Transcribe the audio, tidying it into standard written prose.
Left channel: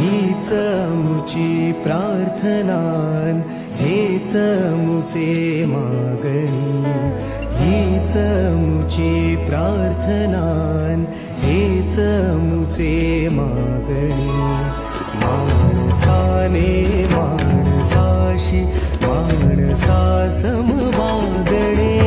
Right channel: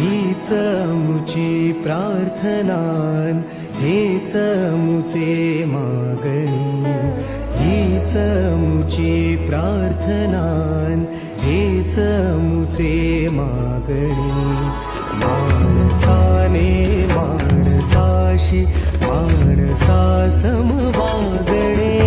हीच मुची प्रार्थनान, हेच मुचे मागणी. हीच मुची प्रार्थनान, हेच मुचे मागणी. माणसाने माणसाशी माणसासम वागणे.